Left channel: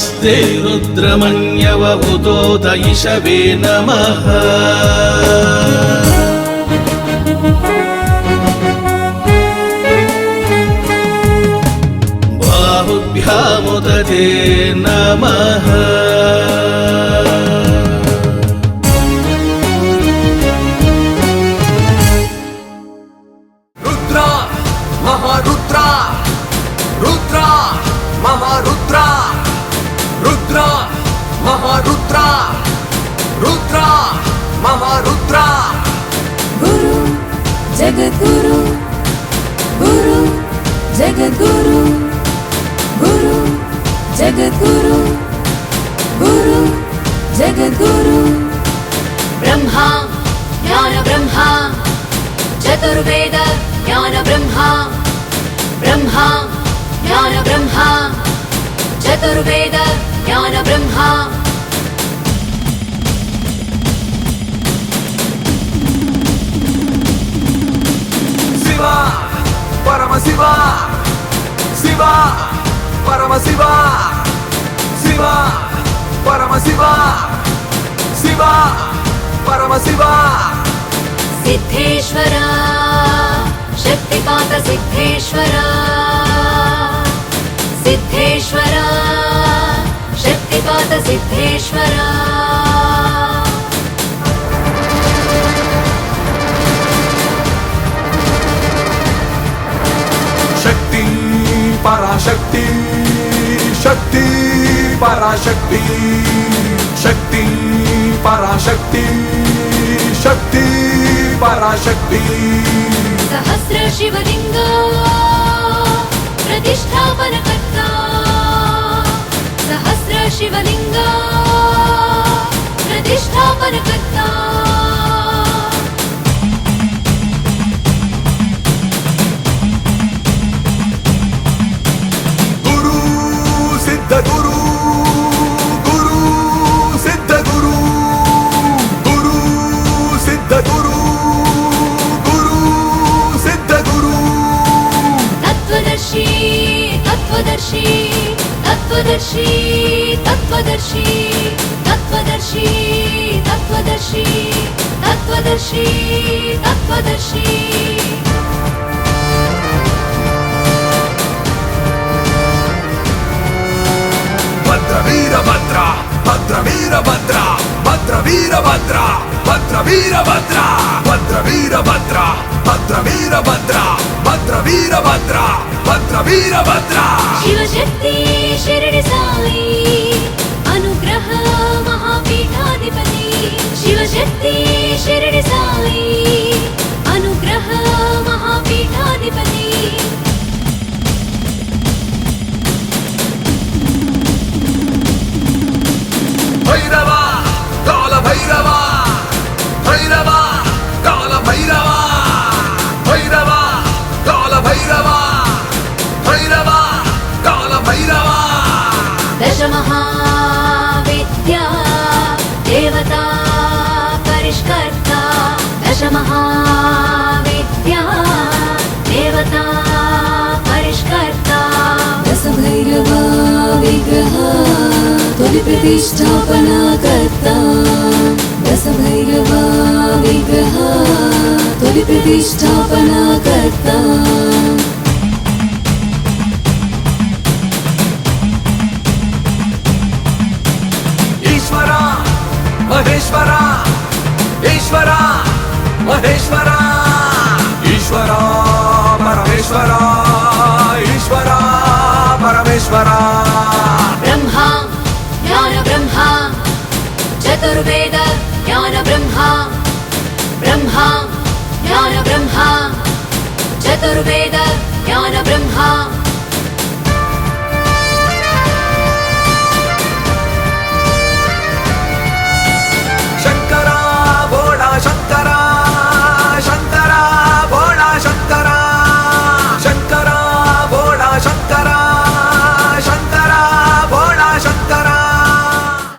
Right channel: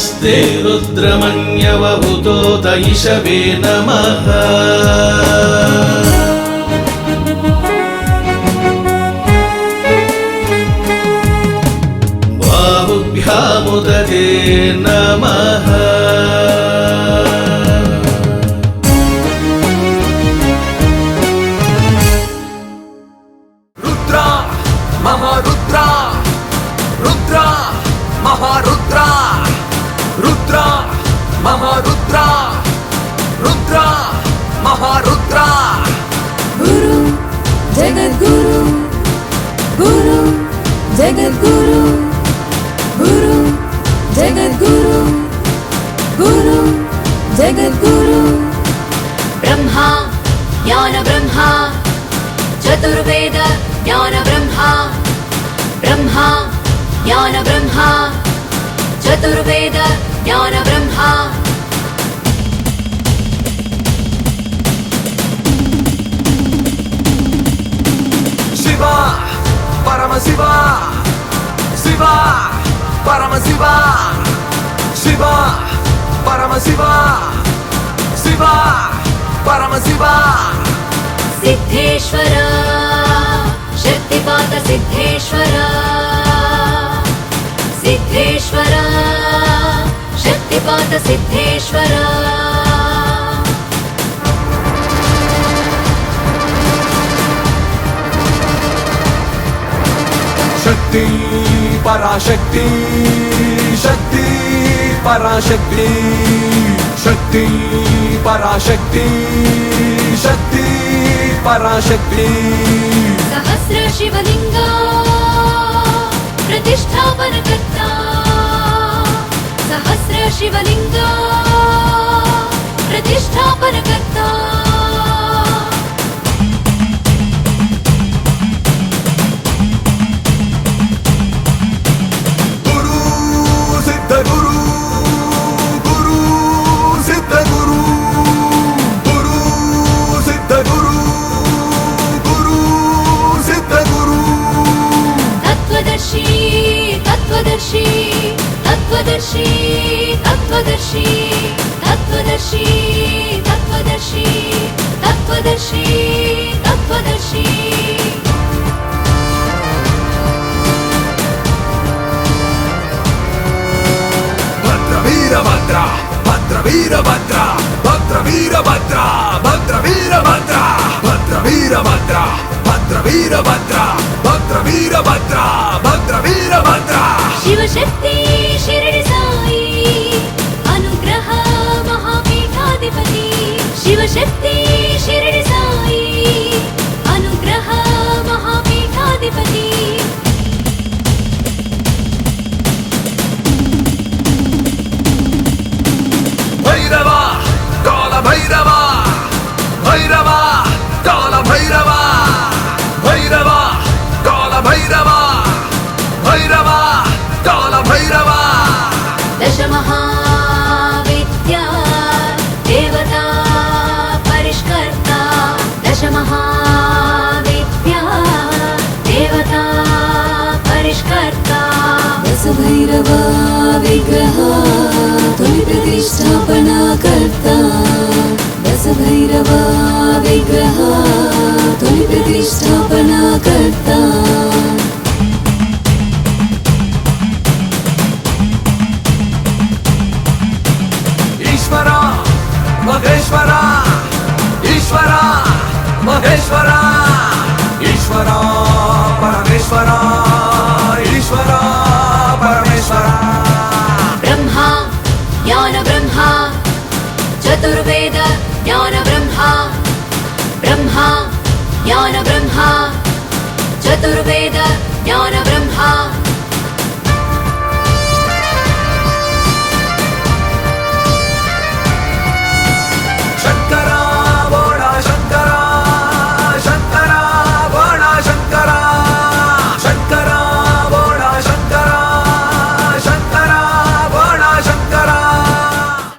नमस्ते रुद्रमन्यवभूतोत इषवे नमः। बाहुभ्यामुदते नमः। गुरु जगद्गुरु गुरु जगद्गुरु गुरु जगद्गुरु गुरु जगद्गुरु ब्रह्मा ज्ञान ब्रह्मा चतुर्वेद ज्ञान ब्रह्मा ब्रह्मा ज्ञान ब्रह्मा चतुर्वेद ज्ञान ब्रह्मा शिवा परम शिवा शिवा परम शिवा शिवा परम शिवा शिवा परम शिवा सिद्धेश्वर शक्तिपात सिद्धेश्वर सिद्धेश्वर शक्तिपात सिद्धेश्वर शक्ति पराशक्ति शक्ति पराशक्ति शक्ति पराशक्ति शक्ति पराशक्ति सहस्र शिवलिंग प्रतिष्ठापन कर्ता सहस्र शिवलिंग प्रतिष्ठापन कर्ता गुरु सिद्ध गुरु गुरु सिद्ध गुरु गुरु सिद्ध गुरु गुरु सिद्ध गुरु तत्वदर्शी तत्वदर्शी तत्वदर्शी तत्वदर्शी तत्वदर्शी तत्वदर्शी तत्वदर्शी तत्वदर्शी भद्र वीरभद्र भद्र वीरभद्र भद्र वीरभद्र भद्र वीरभद्र भद्र वीरभद्र भद्र वीरभद्र भद्र वीरभद्र भद्र वीरभद्र शिवशक्ति शिरडी साई अनुग्रह महापीठाधिपति शिवशक्ति शिरडी साई अनुग्रह महापीठाधिपति भैरव काल भैरव भैरव काल भैरव भैरव काल भैरव भैरव काल भैरव दश महाविद्या देवता परिष्कर्ता दश महाविद्या देवता परिष्कर्ता दश भैरवा विग्रह तोलि प्रतिष्ठापना कर्ता दश भैरवा विग्रह तोलि प्रतिष्ठापना कर्ता ईश्वरा महेश्वरा ईश्वरा महेश्वरा ईश्वरा परमेश्वरा ईश्वरा परमेश्वरा ब्रह्मा ज्ञान ब्रह्मा चतुर्वेद ज्ञान ब्रह्मा ब्रह्मा ज्ञान ब्रह्मा चतुर्वेद ज्ञान ब्रह्मा